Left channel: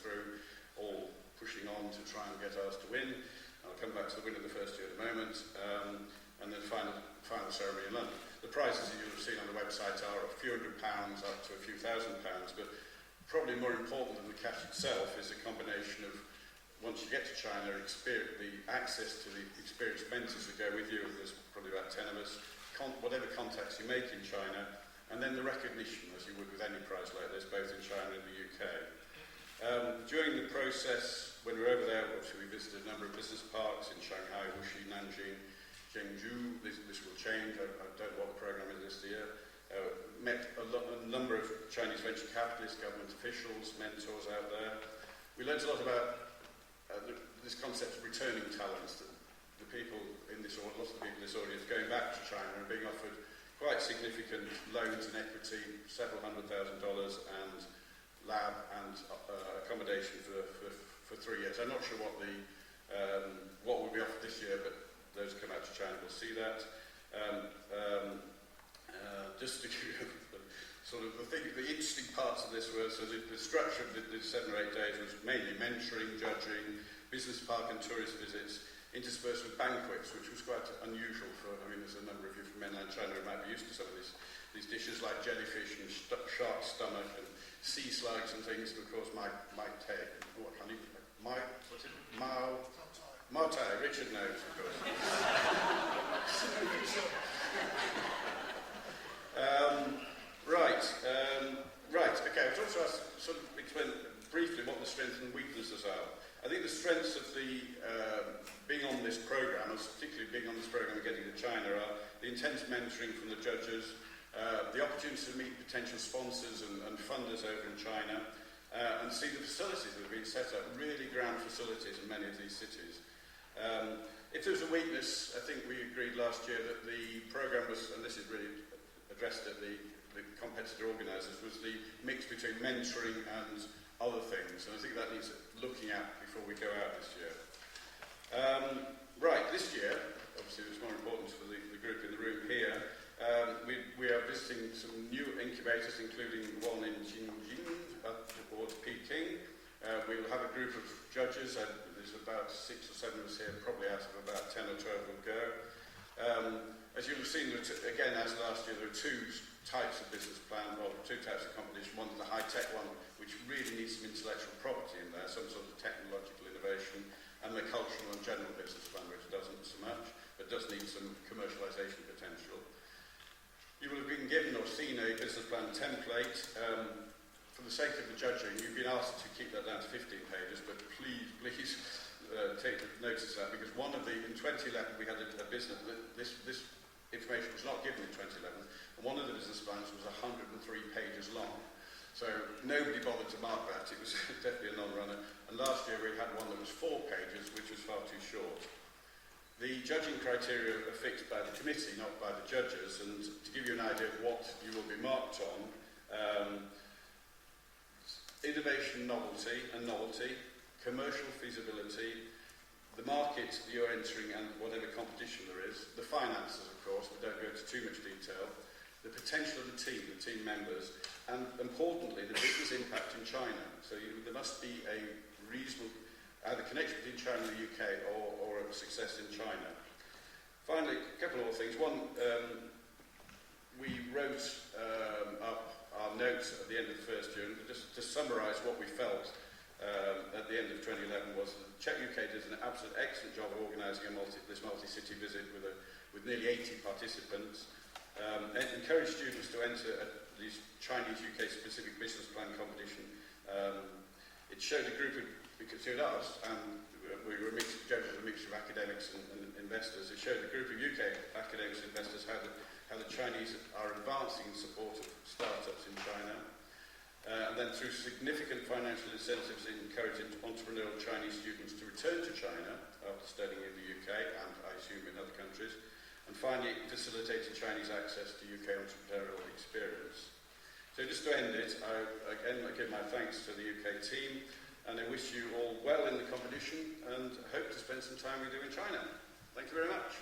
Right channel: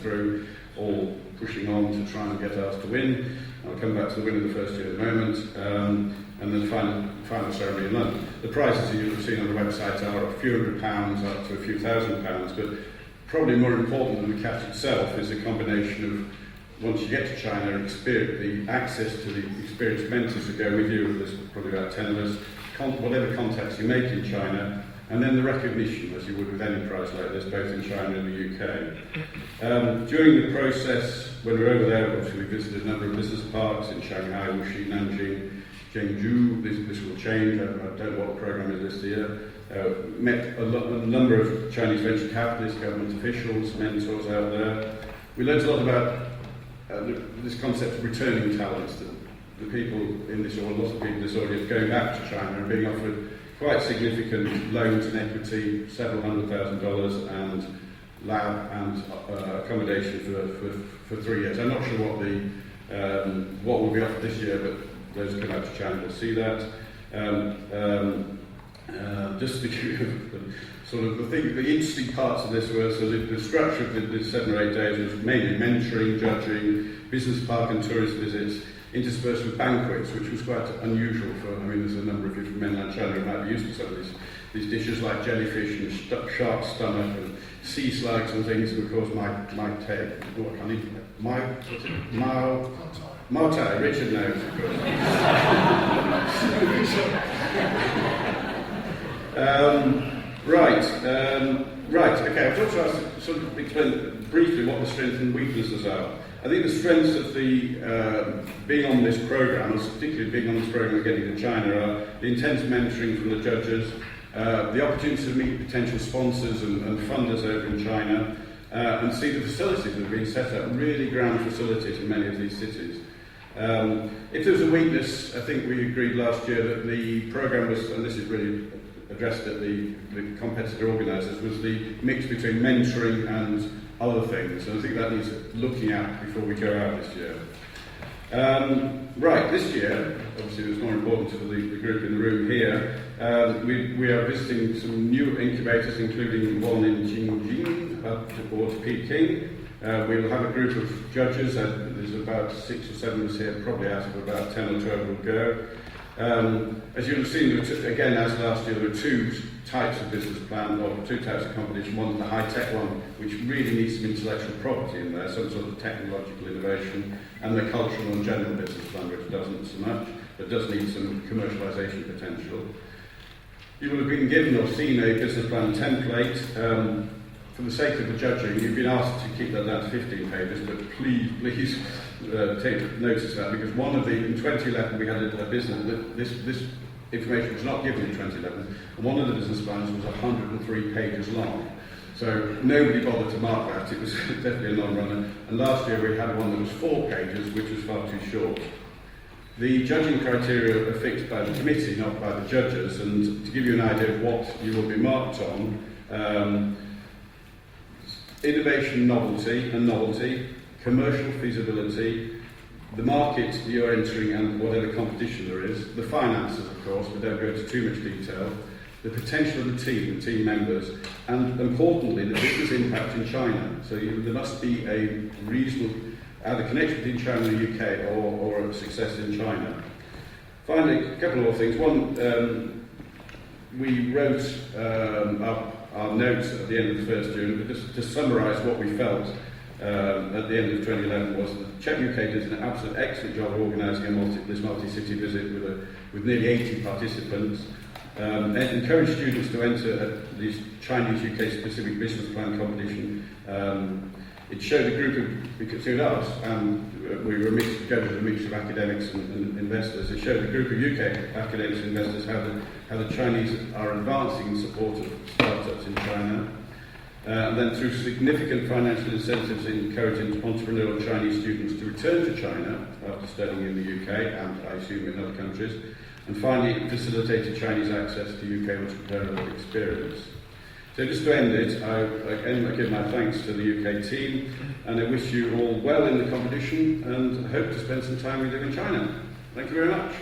through, all pushing on to try and get us to win. I'll come back to the winner of the first year in a moment, and then final ceremony in London. The prizes that you'll have seen on the website are a few £100s up to a few £1,000s, but probably more important than the cash itself is a combination of, once you get to China, the access to the experienced mentors that go with you. There's probably about 10 of us, whatever contacts you make in China, and then the recognition, as you would with any prize like this, both in China and the UK. During the process, when we're over there, obviously we visited a number of business parks in Shanghai, Wuxi, Nanjing, Chengdu. This will change. I don't know what the program is this year. Met a number of Chinese venture capitalists, government officials, mentors out there. We learned a lot about this concept of returning talents, the people in this, or lots of people in this audience, going back to China and being offered quite significant loans and equity, several $100,000, and lab and accommodation for 3 years. I'm not sure what will be offered this year, but those who come out to China will see that. Just to give you sort of the interesting parts of this were, so the structure of the 7 or 8 days was mainly mentoring, judging, business park and tourist visits, interspersed with banquets, which was quite unusual for, I mean, there's a number of you from mainland China who might be used to some of these dishes like jellyfish and shark stomach and sea slugs and things, and of course my tail, oh, I can't eat Mao Tai, Richard knows, of course. Right, okay, I've also asked to sort of explain briefly what the strengths and weaknesses are. I think the strengths of the being on this programme, particularly being on this programme and getting to China, are the intense mentoring from the judges, the opportunity to meet potential sponsors and funders over in China, and see the facilities that have been set up, really grand facilities in many of these cities. If there was a weakness, I think we agreed last year that the programme was, and this is really addressed at the competitor organisers, was the mix between mentoring and other things, and I think that needs looking at before we go out this year. This year, obviously it's more important to the group in the room here, we are visiting some new incubators, including one in Jingjing, up towards Peking. We will have a group of judges, there's about 6 or 7 of us here, probably out of about 10 or 12 will go. As you'll have seen, again, as last year, there were 2 types of business plan, or 2 types of competition. One is the high-tech one, which really needs some intellectual property in there, some sort of technological innovation, and the cultural and general business plan, which doesn't so much, but does need some commercialisation potential. You will have been given or seen a business plan template. For the sake of the judging, you've been asked to keep that down to 15 pages, but please take notice of that, because in 2011 we had a business, this information was not given in 2011, and one of the business plans was 103 pages long. So nobody bothered to mark that, it was definitely a non-runner. And last year we had one that was 4 pages, which was far too short. The judging criteria are fixed by the committee, not by the judges, and to give you an idea of what you will be marked on, innovation, novelty, commercial feasibility, the market you're entering and whatever competition there is, the finances, of course, but don't go into too much detail, the potential of the team members, and importantly, the business impact in China. So there must be a reasonable either connection between China and the UK or a success in China. Finally, a couple more things. One, we wrote up our notes at the end of the first year, and just to summarise what we felt at the end of 2011 was that Czech UK did an absolute excellent job of organising this multi-city visit with nearly 80 participants, and encouraged students to enter this Chinese UK specific business plan competition. It showed a group of, between us, and we were a mix of judges, a mix of academics and investors. It showed a group of UK academics and investors how the Chinese are advancing in support of startups in China. And then through significant financial incentives encouraging entrepreneurial Chinese students to return to China after studying in the UK and I assume in other countries. And finally, it facilitated Chinese access to UK entrepreneurial experience. So just to end it, I give my thanks to the UK team, and I wish you all well in the competition, and I hope to spend some time with you in China. Thank you very much.